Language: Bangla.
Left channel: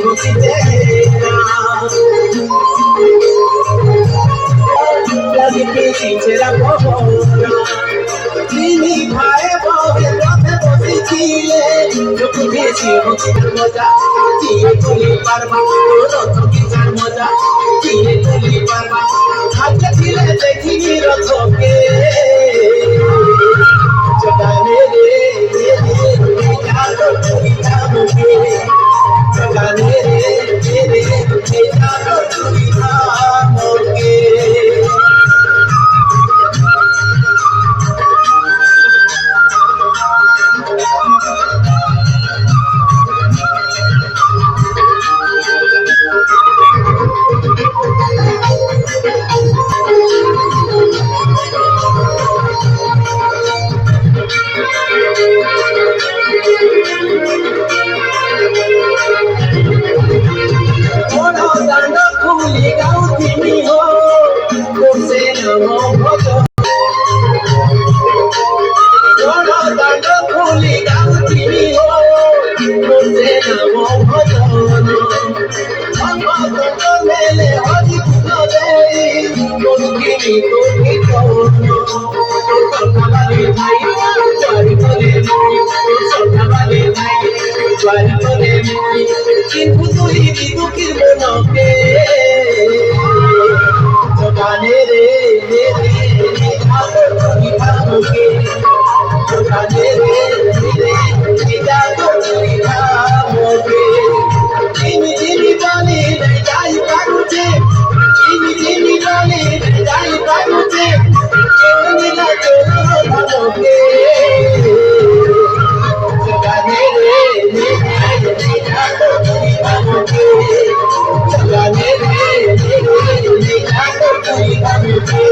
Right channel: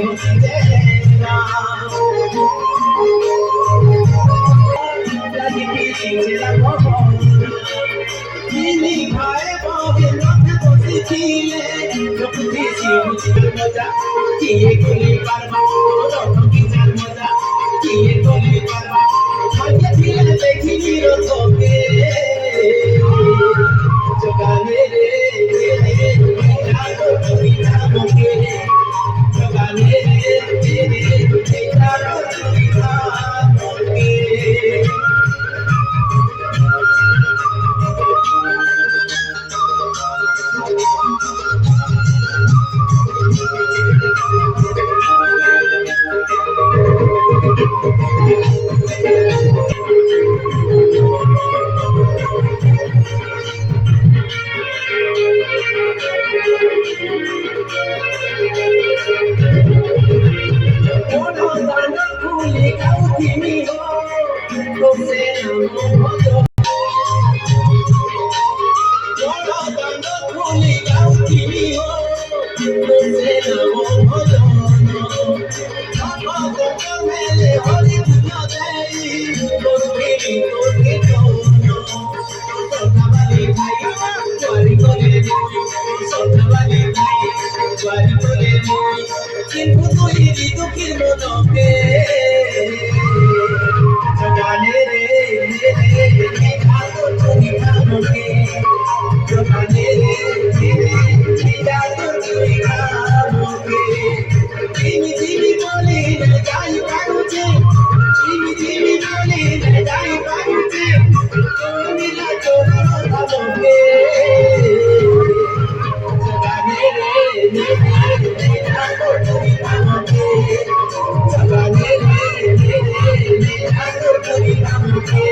होते ना लगी के पीछे रखो तीन भाई बहन रथे बसी छिले लोक भेसी होते मजा किए कोली पारबा रथ की जान मजा किए कोली पारबा भाग्य छिले देखिनी रथके जगाने रे जातो चुरी धामुके जगाने रे जातो चुरी धामुके কিন্তু তুই দুঃখীর মনকে জগানে রে যাতো চুরি খামুকে জগানে রে যাতো চুরি খামুকে জিমি জিমি বলি যাই পারুছে জিমি জিমি বলি যাই পারুছে কেউ নীলা চোর ধামকে জগানে রে যাতো চুরি খামুকে জগানে রে যাতো চুরি খামুকে